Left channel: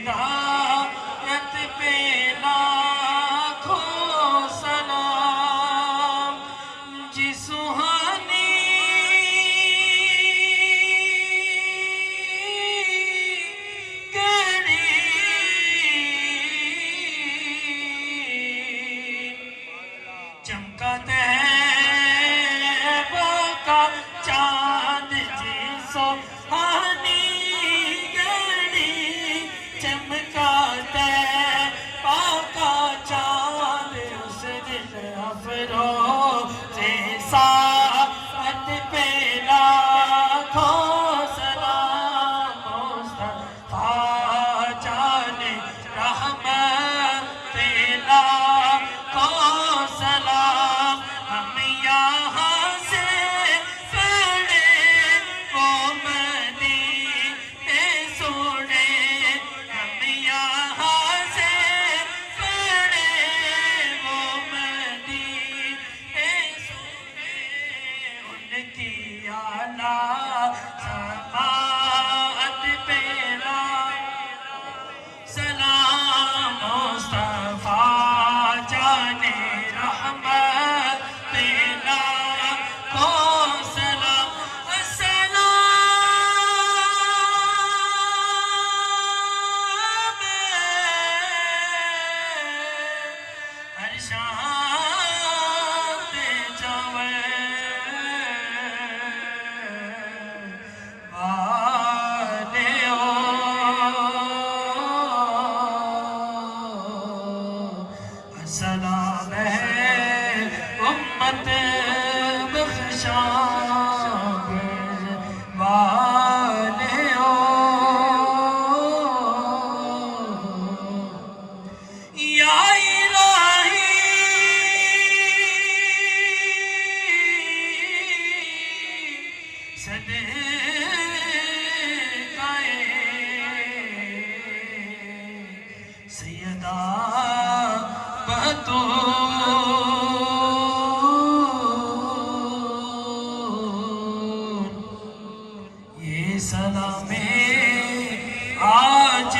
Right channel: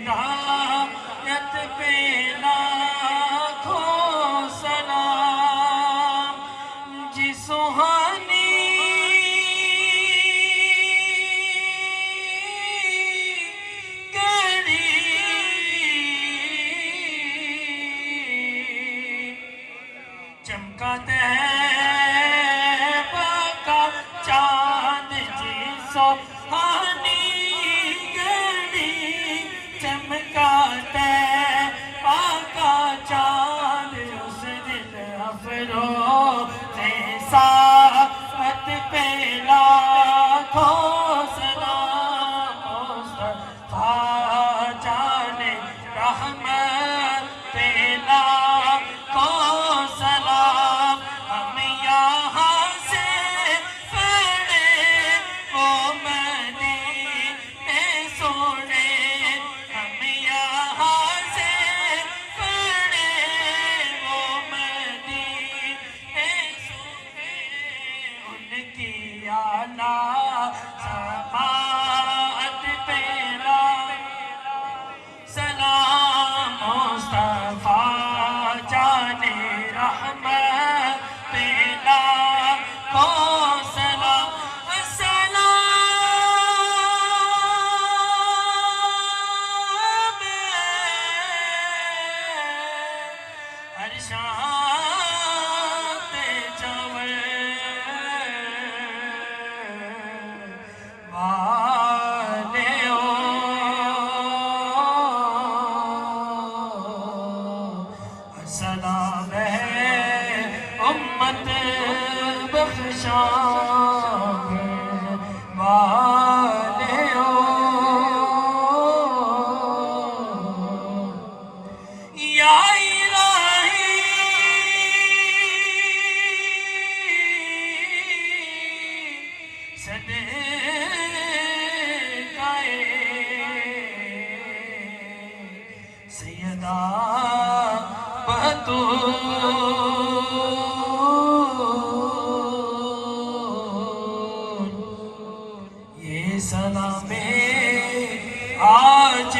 ہدایت پہ لاکھوں سلام جی سہانی گری چمکا طیبہ کا چاند جی سہانی گری چمکا طیبہ کا چاند اس دل افروز ساعت پہ لاکھوں سلام مصطفیٰ جان رحمت پہ لاکھوں سلام ہم یہاں سے پڑھے وہ مدینے سونے ہم یہاں سے پڑھے وہ مدینے سونے ان کی اعلیٰ سماعت پہ سلام مصطفیٰ جان رحمت پہ لاکھوں سلام السلام ہر شان تے جوے سلام ہے امت بخشاب والیو یا الہی صدقہ سیدہ یہ سلام آج